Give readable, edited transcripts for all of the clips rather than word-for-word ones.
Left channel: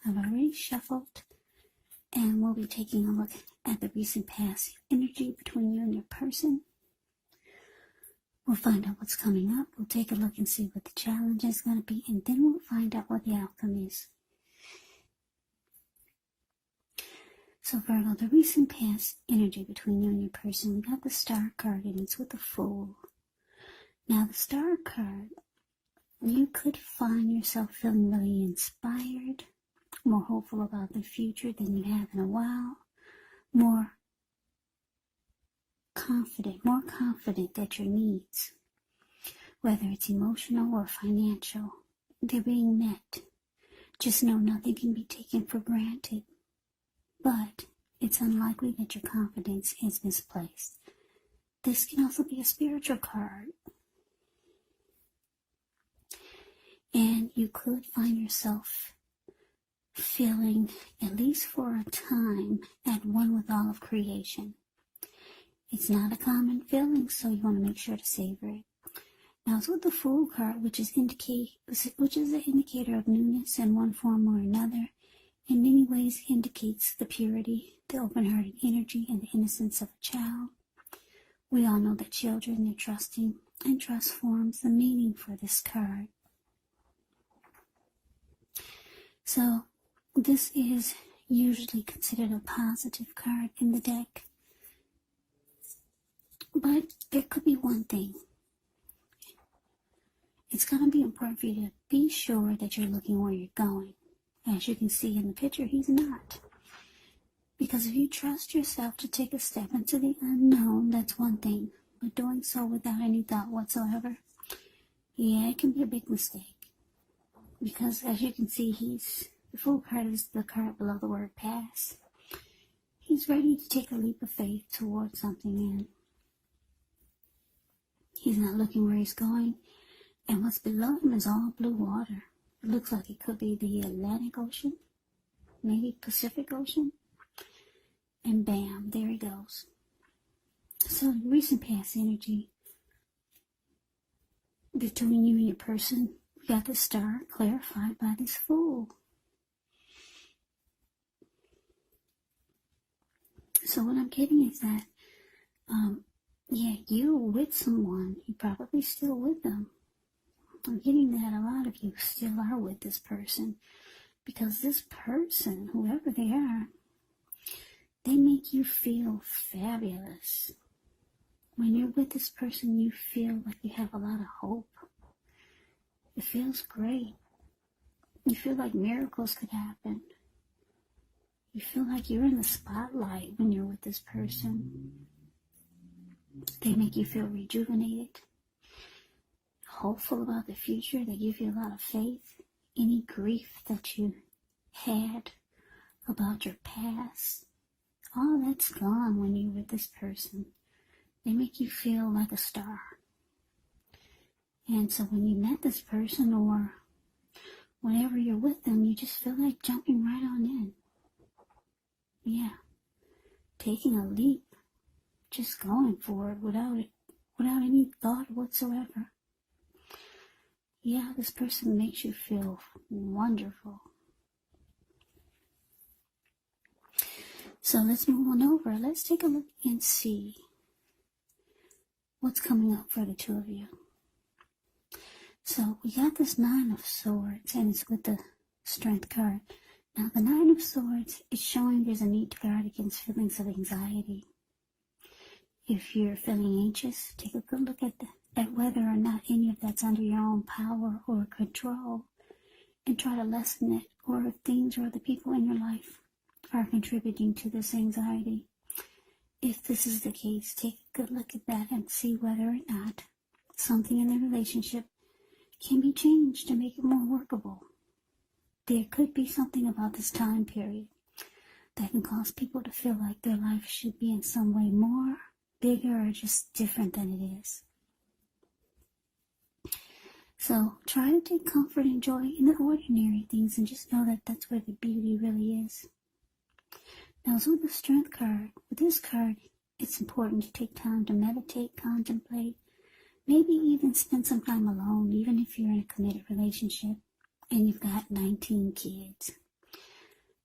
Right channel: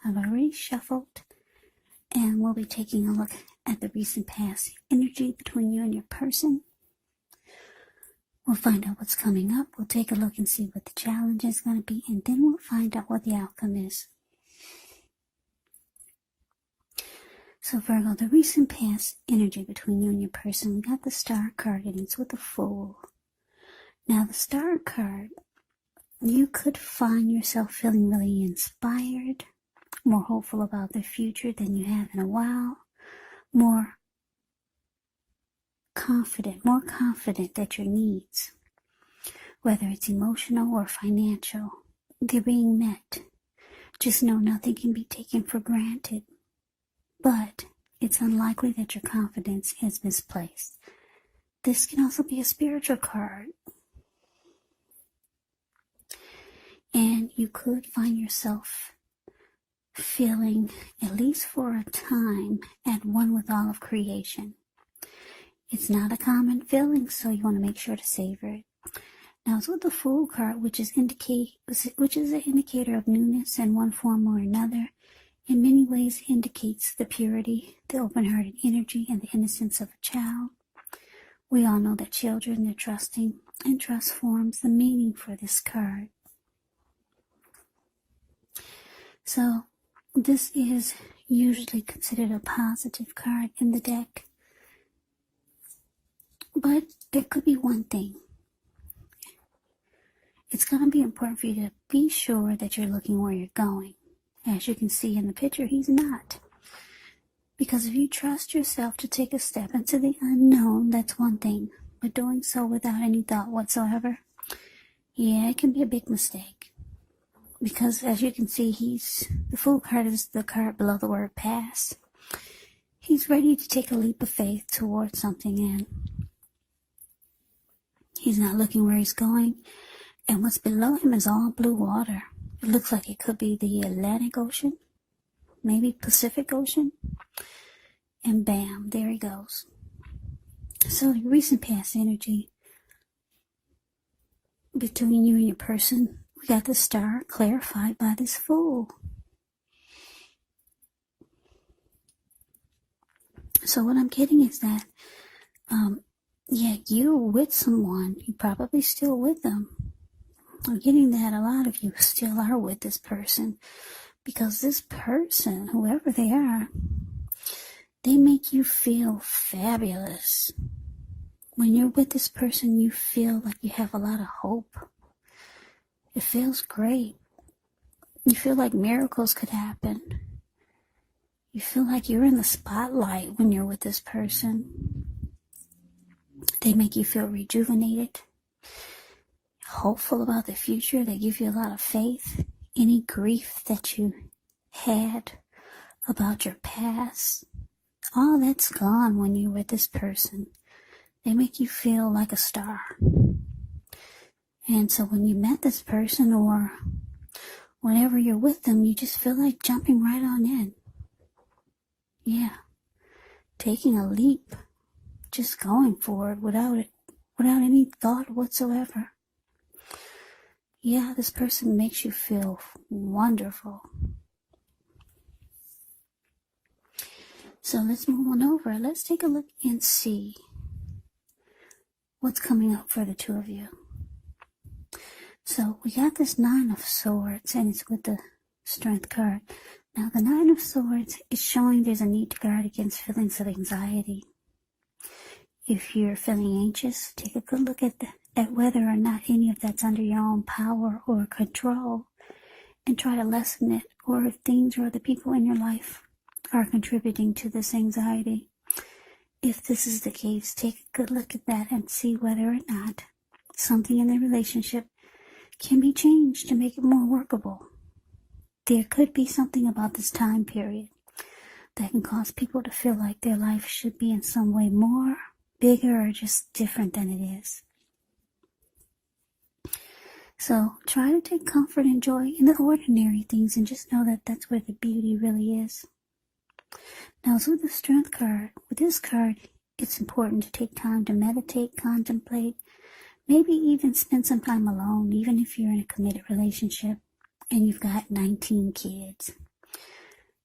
I've already shuffled, and we'll be taking a look at the recent past energy between you and your person. We'll find out what's coming up. We'll take a look and see what the challenge is going to be, and then we'll find out what the outcome is. So Virgo, the recent past energy between you and your person, we got the Star card, and it's with the Fool. Now the Star card, you could find yourself feeling really inspired, more hopeful about the future than you have in a while, more confident that your needs, whether it's emotional or financial, they're being met. Just know nothing can be taken for granted. But it's unlikely that your confidence is misplaced. This can also be a spiritual card. And you could find yourself feeling, at least for a time, at one with all of creation. It's not a common feeling, so you want to make sure to savor it. Now it's with the Fool card, which is an indicator of newness in one form or another. In many ways indicates the purity, the open-hearted energy, and the innocence of a child. We all know that children are trusting, and trust forms the meaning for this card. So this is usually considered a positive card in the deck. But there could be one thing. It's going to be important for you to be sure that you're looking where you're going. As you can see in the picture, he's not. Because if you trust yourself to take a step into the unknown, that's one thing. But doing so without any thought whatsoever, yeah, it can be a big mistake. Because as you can see, the Fool card is the card below the word pass. He's ready to take a leap of faith towards something, and he's not looking where he's going. And what's below him is all blue water. It looks like it could be the Atlantic Ocean, maybe Pacific Ocean. And bam, there he goes. So your recent past energy between you and your person, we got the Star clarified by this Fool. So what I'm getting is that, yeah, you're with someone. You're probably still with them. I'm getting that a lot of you still are with this person, because this person, whoever they are, they make you feel fabulous. When you're with this person, you feel like you have a lot of hope. It feels great. You feel like miracles could happen. You feel like you're in the spotlight when you're with this person. They make you feel rejuvenated, hopeful about the future. They give you a lot of faith. Any grief that you had about your past, all that's gone when you're with this person. They make you feel like a star. And so when you met this person, or whenever you're with them, you just feel like jumping right on in. Yeah. Taking a leap. Just going for it without any thought whatsoever. Yeah, this person makes you feel wonderful. So let's move on over. Let's take a look and see what's coming up for the two of you. So we got this Nine of Swords, and it's with the Strength card. Now the Nine of Swords is showing there's a need to guard against feelings of anxiety. If you're feeling anxious, take a good look at whether or not any of that's under your own power or control, and try to lessen it, or if things or the people in your life are contributing to this anxiety. If this is the case, take a good look at that and see whether or not something in the relationship can be changed to make it more workable. There could be something about this time period that can cause people to feel like their life should be in some way more, bigger, or just different than it is. So try to take comfort and joy in the ordinary things, and just know that that's where the beauty really is. Now, so with the Strength card, with this card, it's important to take time to meditate, contemplate, maybe even spend some time alone, even if you're in a committed relationship and you've got 19 kids.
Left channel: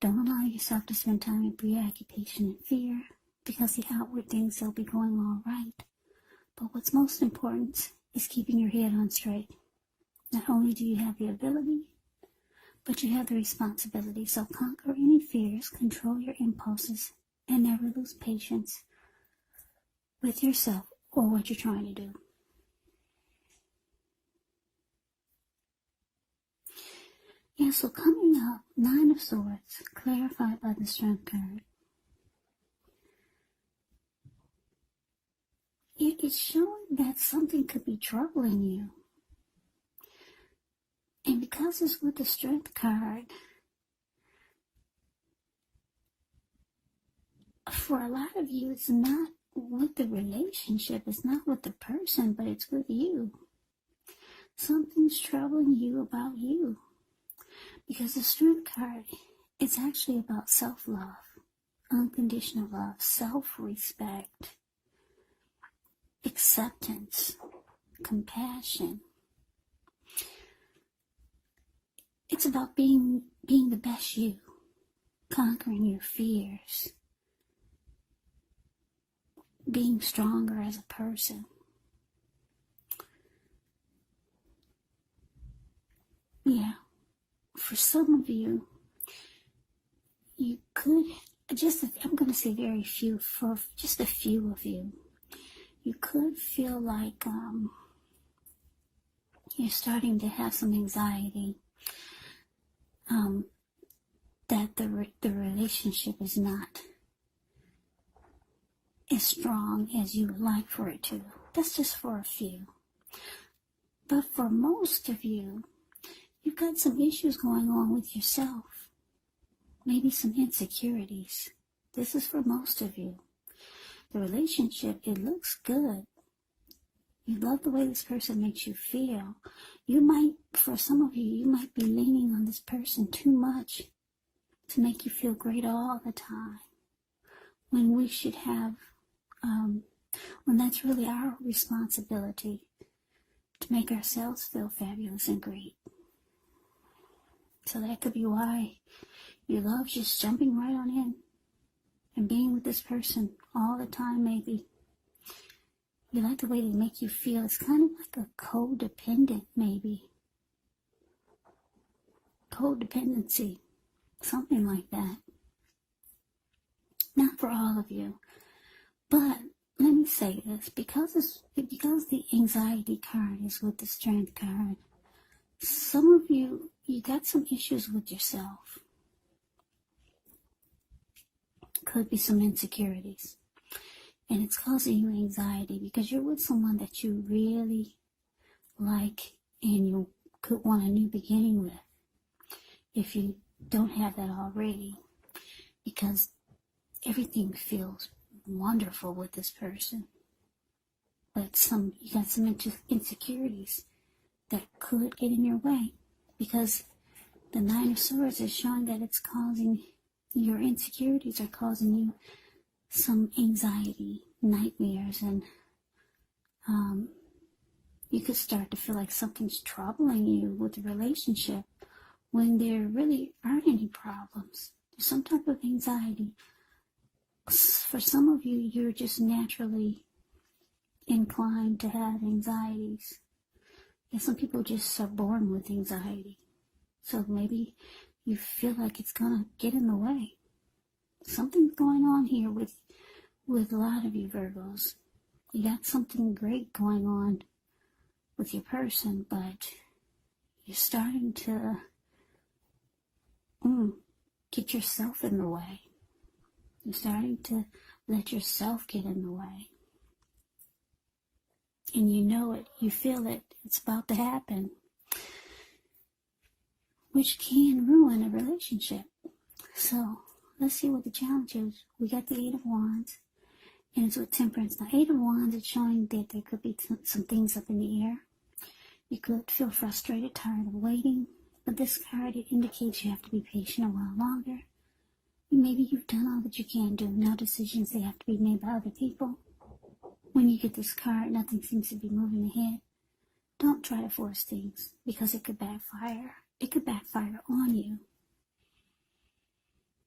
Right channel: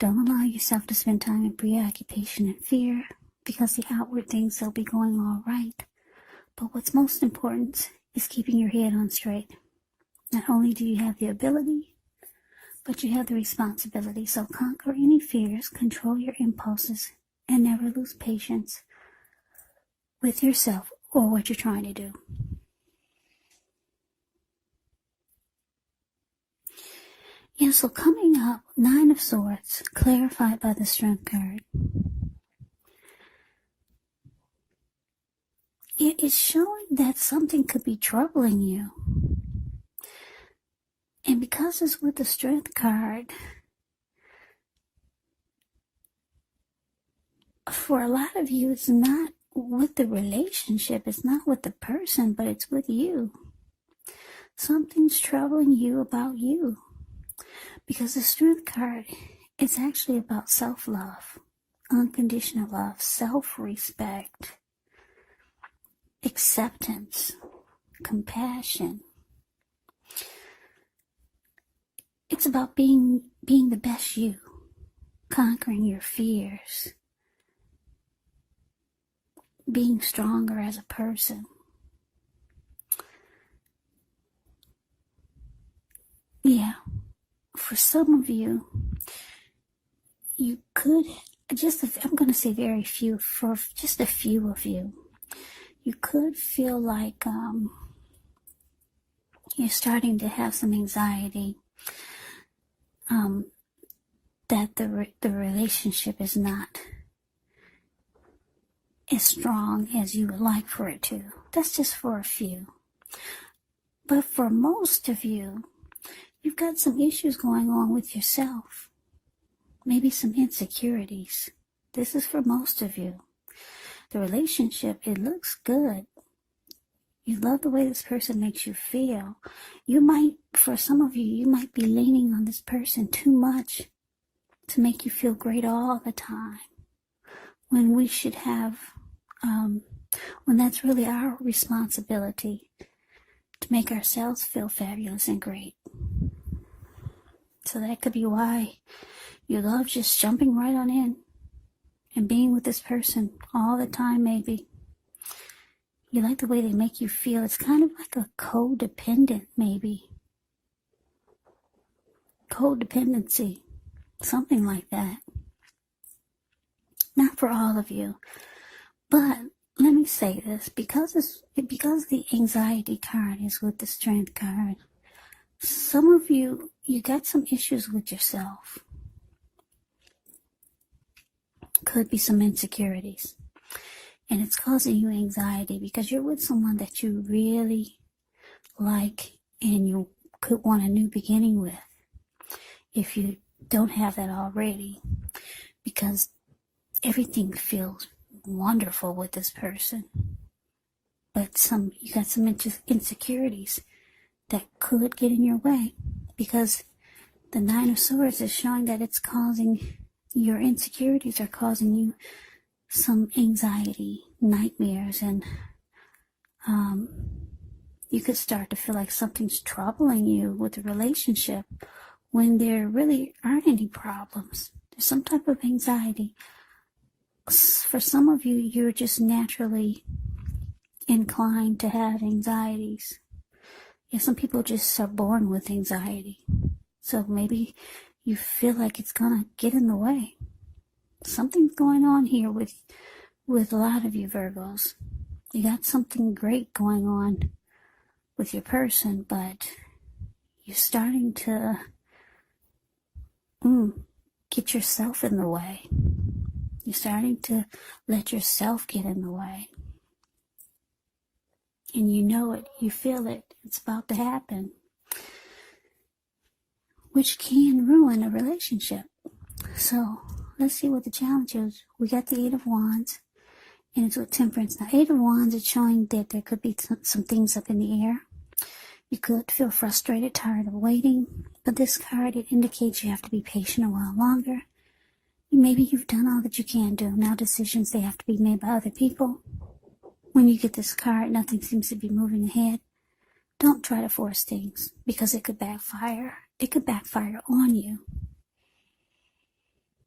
Don't allow yourself to spend time in preoccupation and fear, because the outward things will be going all right. But what's most important is keeping your head on straight. Not only do you have the ability, but you have the responsibility. So conquer any fears, control your impulses, and never lose patience with yourself or what you're trying to do. Yeah, so coming up, Nine of Swords, clarified by the Strength card. It is showing that something could be troubling you. And because it's with the Strength card, for a lot of you, it's not with the relationship, it's not with the person, but it's with you. Something's troubling you about you. Because the Strength card, it's actually about self-love, unconditional love, self-respect, acceptance, compassion. It's about being the best you, conquering your fears, being stronger as a person. Yeah, for some of you, you could, I'm going to say very few, for just a few of you, you could feel like you're starting to have some anxiety, that the relationship is not as strong as you would like for it to. That's just for a few. But for most of you, you've got some issues going on with yourself. Maybe some insecurities. This is for most of you. The relationship, it looks good. You love the way this person makes you feel. For some of you, you might be leaning on this person too much to make you feel great all the time. When we should have, when that's really our responsibility to make ourselves feel fabulous and great. So that could be why you love just jumping right on in and being with this person all the time, maybe. You like the way they make you feel. It's kind of like a codependent, maybe. Codependency. Something like that. Not for all of you. But let me say this. Because the anxiety card is with the Strength card, some of you got some issues with yourself. Could be some insecurities. And it's causing you anxiety because you're with someone that you really like and you could want a new beginning with, if you don't have that already, because everything feels wonderful with this person. But you got some insecurities that could get in your way, because the Nine of Swords is showing that it's causing, your insecurities are causing you some anxiety, nightmares, and you could start to feel like something's troubling you with the relationship when there really aren't any problems. There's some type of anxiety. For some of you, you're just naturally inclined to have anxieties. Some people just are born with anxiety. So maybe you feel like it's gonna get in the way. Something's going on here with a lot of you Virgos. You got something great going on with your person, but you're starting to get yourself in the way. You're starting to let yourself get in the way. And you know it, you feel it, it's about to happen. Which can ruin a relationship. So, let's see what the challenge is. We got the Eight of Wands, and it's with Temperance. Now, Eight of Wands is showing that there could be some things up in the air. You could feel frustrated, tired of waiting, but this card, it indicates you have to be patient a while longer. Maybe you've done all that you can do. Now decisions, they have to be made by other people. When you get this card, nothing seems to be moving ahead. Don't try to force things, because it could backfire. It could backfire on you.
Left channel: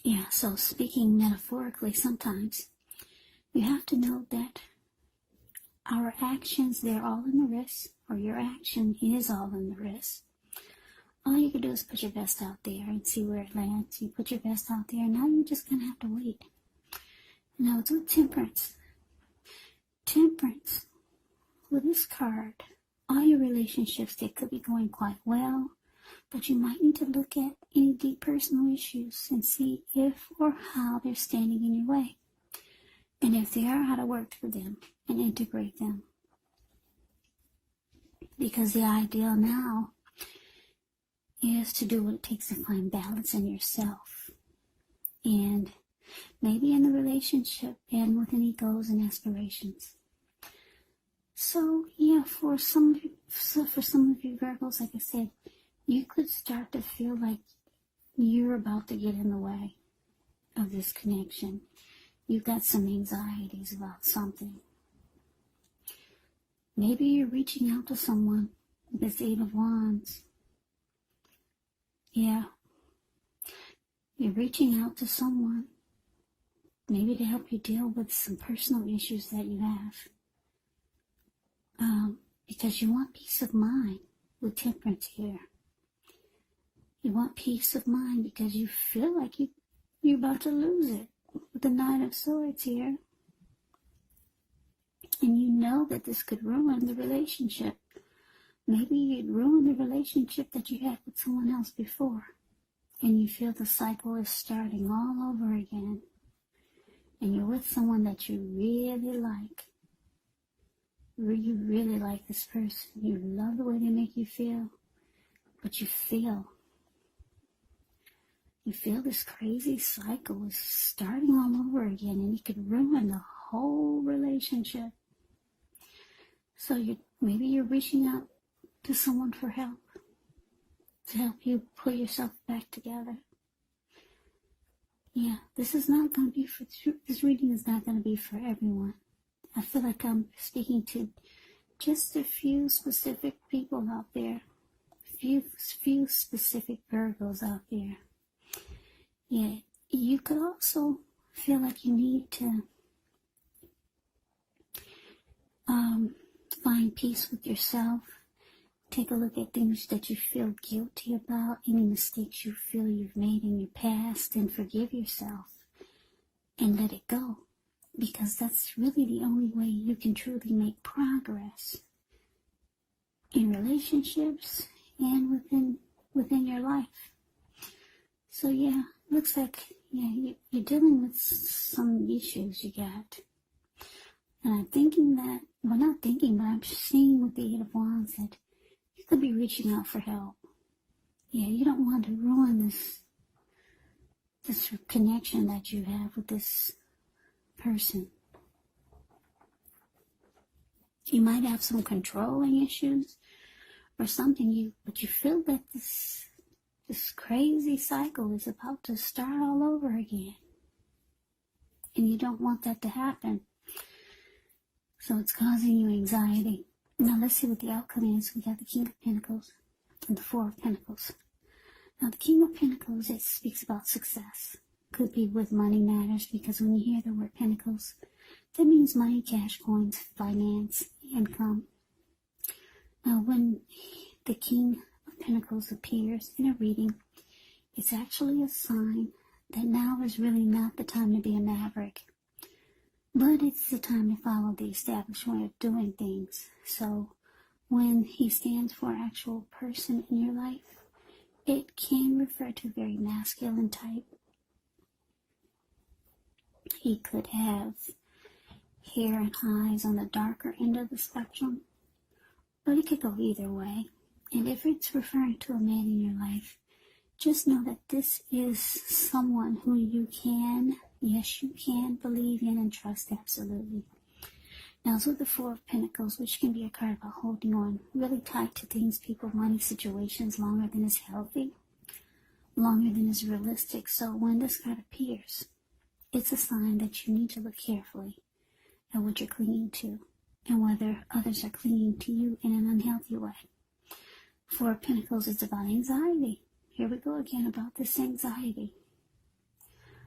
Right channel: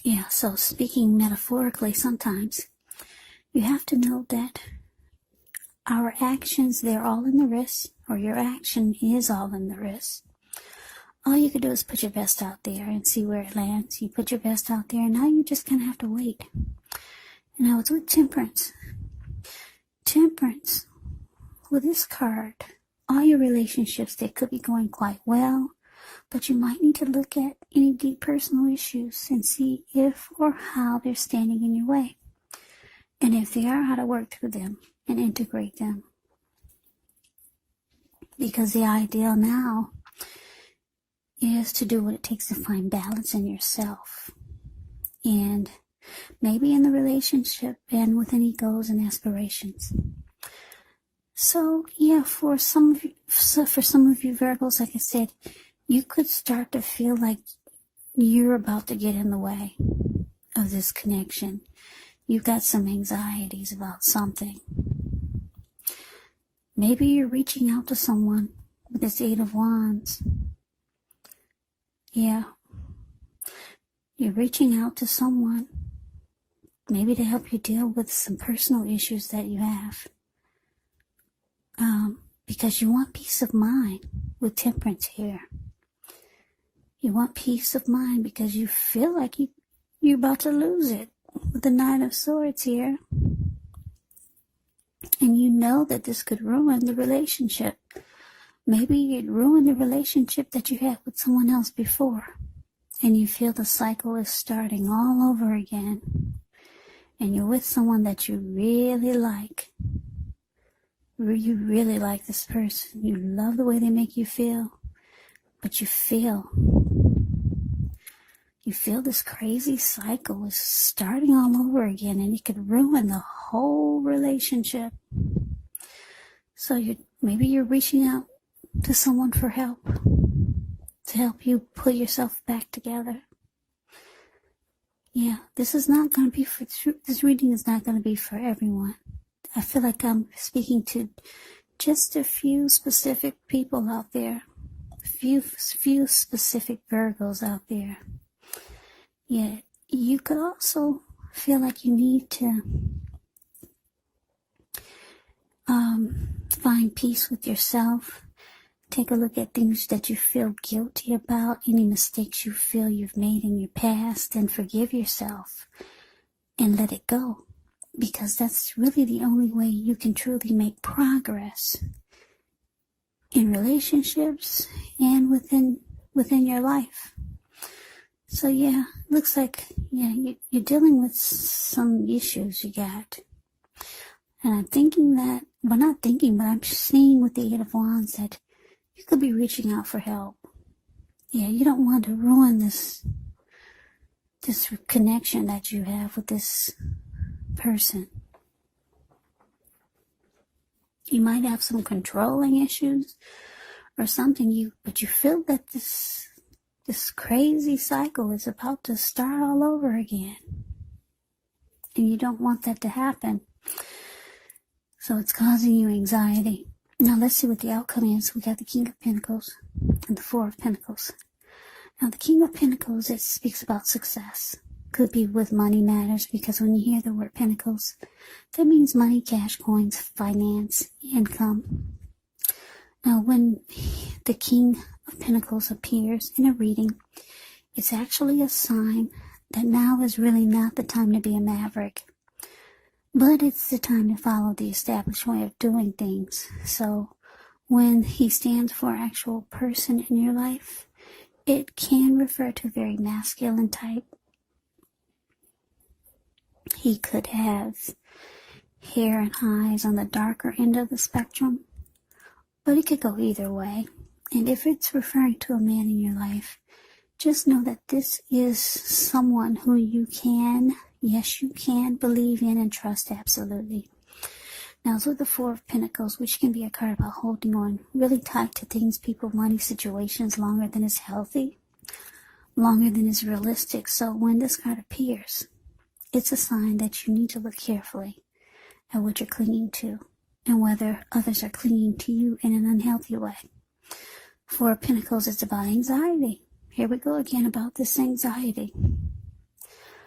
Yeah, so speaking metaphorically, sometimes you have to know that our actions, they're all in the wrist, or your action is all in the wrist. All you can do is put your best out there and see where it lands. You put your best out there, and now you're just going to have to wait. And now it's with Temperance. Temperance, with this card, all your relationships, they could be going quite well, but you might need to look at any deep personal issues and see if or how they're standing in your way. And if they are, how to work through them and integrate them. Because the ideal now is to do what it takes to find balance in yourself. And maybe in the relationship and with any goals and aspirations. So yeah, for some of you Virgos, like I said, you could start to feel like you're about to get in the way of this connection. You've got some anxieties about something. Maybe you're reaching out to someone with this Eight of Wands. Yeah. You're reaching out to someone, maybe to help you deal with some personal issues that you have. Because you want peace of mind with Temperance here. You want peace of mind because you feel like you're about to lose it with the Nine of Swords here. And you know that this could ruin the relationship. Maybe you'd ruin the relationship that you had with someone else before. And you feel the cycle is starting all over again. And you're with someone that you really like. You really like this person. You love the way they make you feel. But you feel this crazy cycle is starting all over again, and it could ruin the whole relationship. So maybe you're reaching out to someone for help, to help you pull yourself back together. Yeah, this reading is not going to be for everyone. I feel like I'm speaking to just a few specific people out there, few specific Virgos out there. Yeah, you could also feel like you need to find peace with yourself. Take a look at things that you feel guilty about, any mistakes you feel you've made in your past, and forgive yourself and let it go. Because that's really the only way you can truly make progress in relationships and within your life. So yeah, looks like you're dealing with some issues you got. And I'm thinking that, well, not thinking, but I'm seeing with the Eight of Wands that you could be reaching out for help. Yeah, you don't want to ruin this connection that you have with this person. You might have some controlling issues or something, but you feel that this crazy cycle is about to start all over again. And you don't want that to happen. So it's causing you anxiety. Now let's see what the outcome is. We got the King of Pentacles and the Four of Pentacles. Now the King of Pentacles, it speaks about success. Could be with money matters, because when you hear the word Pentacles, that means money, cash, coins, finance, income. Now when the King of Pentacles appears in a reading, it's actually a sign that now is really not the time to be a maverick, but it's the time to follow the established way of doing things. So when he stands for an actual person in your life, it can refer to a very masculine type. He could have hair and eyes on the darker end of the spectrum, but it could go either way. And if it's referring to a man in your life, just know that this is someone who you can believe in and trust absolutely. Now, it's with the Four of Pentacles, which can be a card about holding on really tight to things, people, money, situations longer than is healthy, longer than is realistic. So when this card appears, it's a sign that you need to look carefully at what you're clinging to and whether others are clinging to you in an unhealthy way. Four of Pentacles is about anxiety. Here we go again about this anxiety.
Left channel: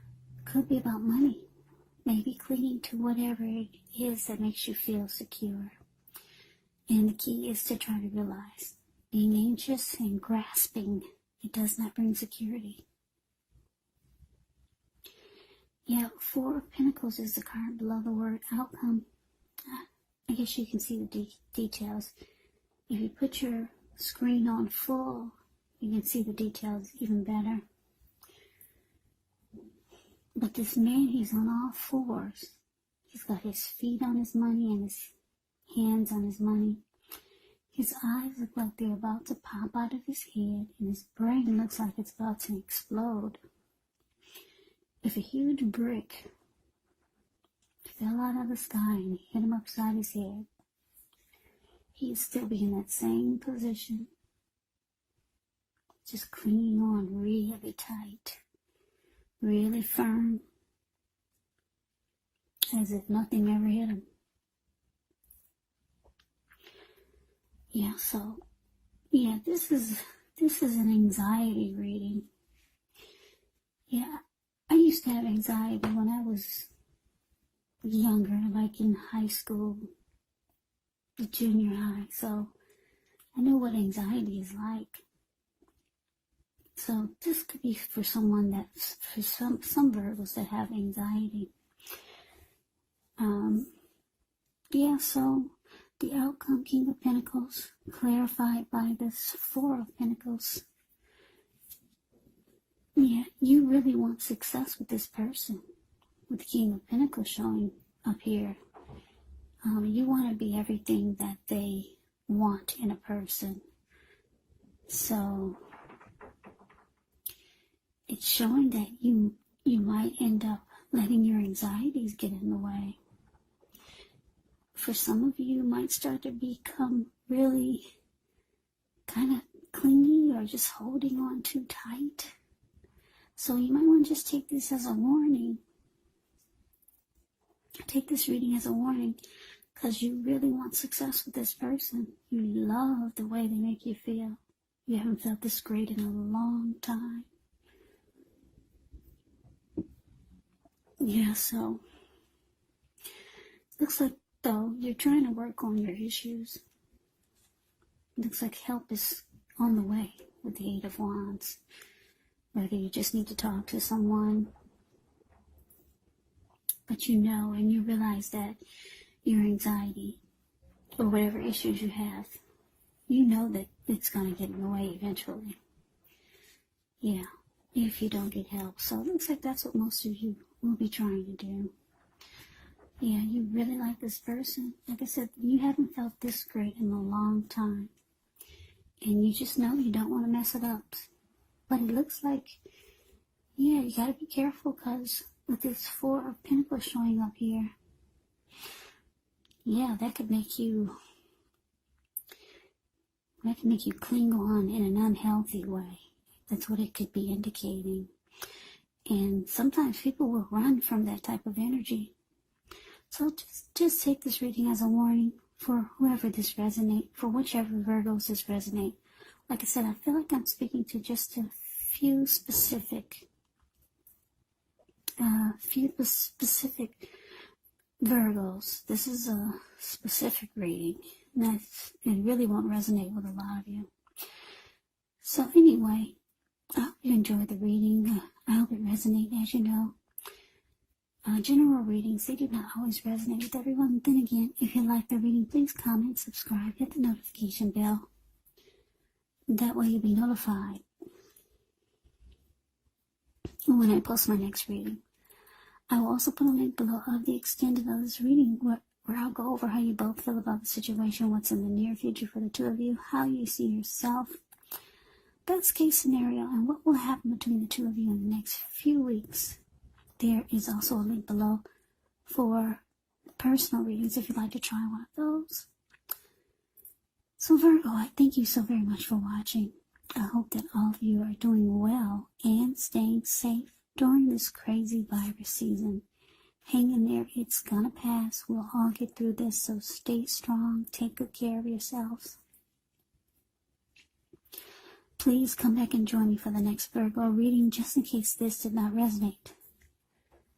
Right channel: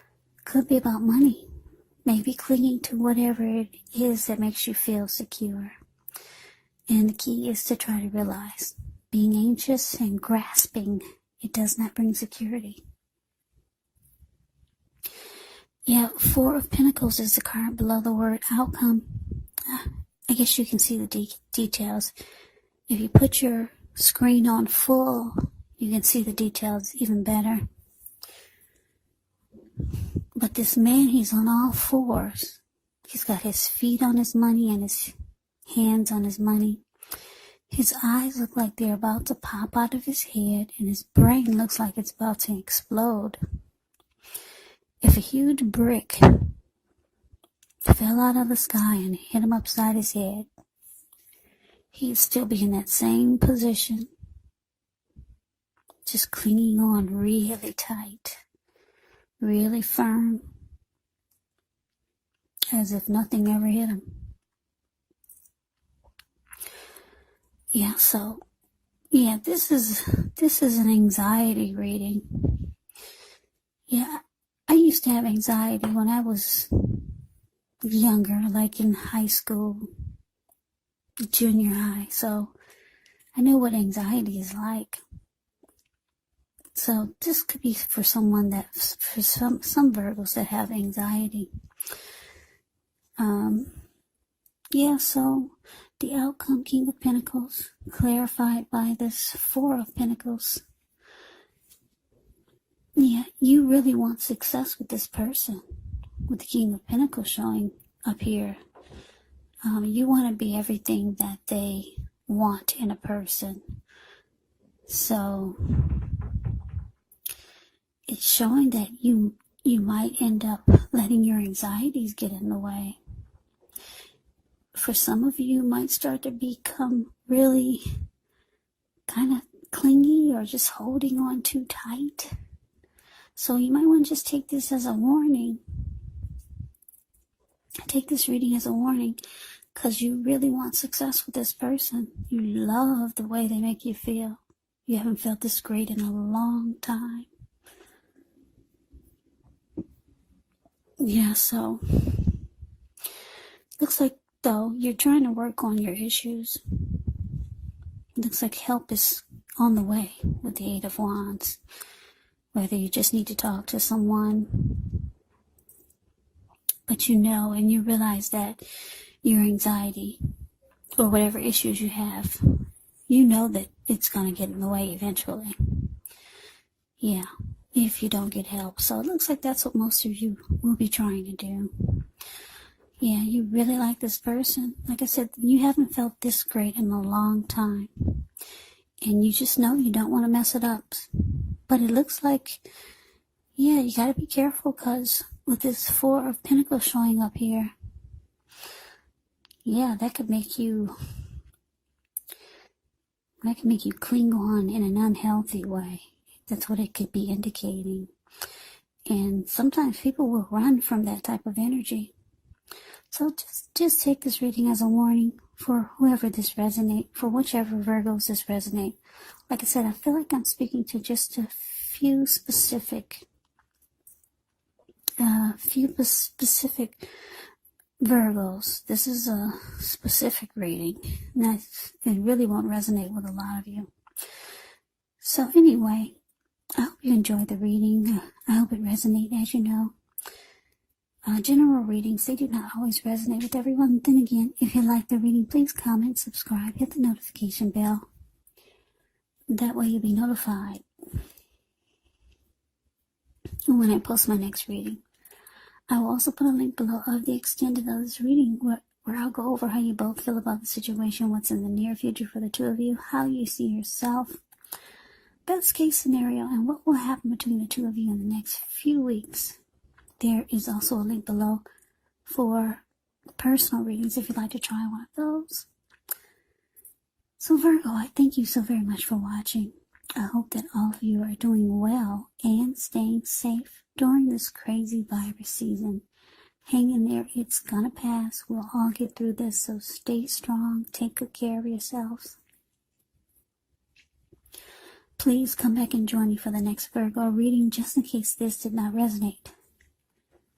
Could be about money. Maybe clinging to whatever it is that makes you feel secure. And the key is to try to realize being anxious and grasping, it does not bring security. Yeah, Four of Pentacles is the card below the word outcome. I guess you can see the details. If you put your screen on full, you can see the details even better. But this man, he's on all fours. He's got his feet on his money and his hands on his money. His eyes look like they're about to pop out of his head, and his brain looks like it's about to explode. If a huge brick fell out of the sky and hit him upside his head, he'd still be in that same position, just clinging on really tight, really firm, as if nothing ever hit him. Yeah, so, yeah, this is an anxiety reading. Yeah, I used to have anxiety when I was younger, like in high school, junior high, so I know what anxiety is like. So this could be for someone that, for some Virgos that have anxiety. Yeah, so the outcome, King of Pentacles, clarified by this Four of Pentacles. Yeah, you really want success with this person, with the King of Pentacles showing up here. You want to be everything that they want in a person. So it's showing that you might end up letting your anxieties get in the way. For some of you, might start to become really kind of clingy or just holding on too tight. So you might want to just take this as a warning. Take this reading as a warning, because you really want success with this person. You love the way they make you feel. You haven't felt this great in a long time. Yeah, so looks like, though, you're trying to work on your issues. Looks like help is on the way with the Eight of Wands. Whether you just need to talk to someone, but you know and you realize that your anxiety or whatever issues you have, you know that it's going to get in the way eventually. Yeah, if you don't get help. So it looks like that's what most of you will be trying to do. Yeah, you really like this person. Like I said, you haven't felt this great in a long time. And you just know you don't want to mess it up. But it looks like, yeah, you got to be careful, because with this Four of Pentacles showing up here, yeah, that could make you cling on in an unhealthy way. That's what it could be indicating. And sometimes people will run from that type of energy. So just take this reading as a warning for whoever this resonates, for whichever Virgos this resonate. Like I said, I feel like I'm speaking to just a few specific Virgos. This is a specific reading. It really won't resonate with a lot of you. So anyway, I hope you enjoyed the reading. I hope it resonated. As you know, general readings, they do not always resonate with everyone. Then again, if you like the reading, please comment, subscribe, hit the notification bell. That way you'll be notified when I post my next reading. I will also put a link below of the extended of this reading where I'll go over how you both feel about the situation, what's in the near future for the two of you, how you see yourself, best case scenario, and what will happen between the two of you in the next few weeks. There is also a link below for personal readings if you'd like to try one of those. So Virgo, I thank you so very much for watching. I hope that all of you are doing well and staying safe during this crazy virus season. Hang in there, it's gonna pass. We'll all get through this, so stay strong. Take good care of yourselves. Please come back and join me for the next Virgo reading, just in case this did not resonate.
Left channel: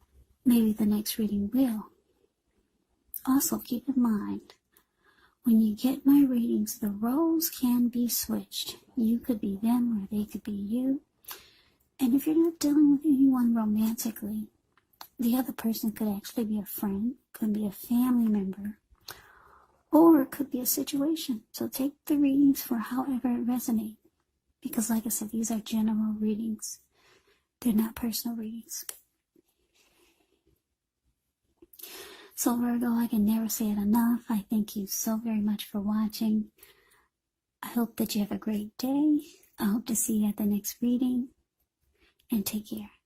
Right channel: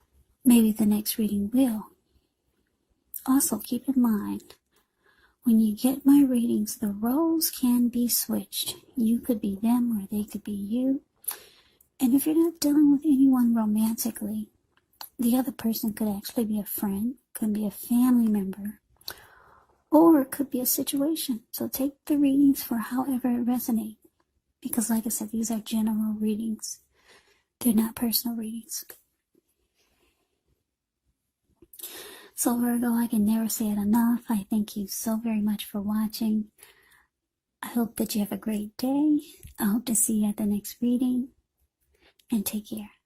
maybe the next reading will. Also, keep in mind, when you get my readings, the roles can be switched. You could be them or they could be you. And if you're not dealing with anyone romantically, the other person could actually be a friend, could be a family member, or it could be a situation. So take the readings for however it resonates. Because like I said, these are general readings. They're not personal readings. So Virgo, I can never say it enough. I thank you so very much for watching. I hope that you have a great day. I hope to see you at the next reading. And take care.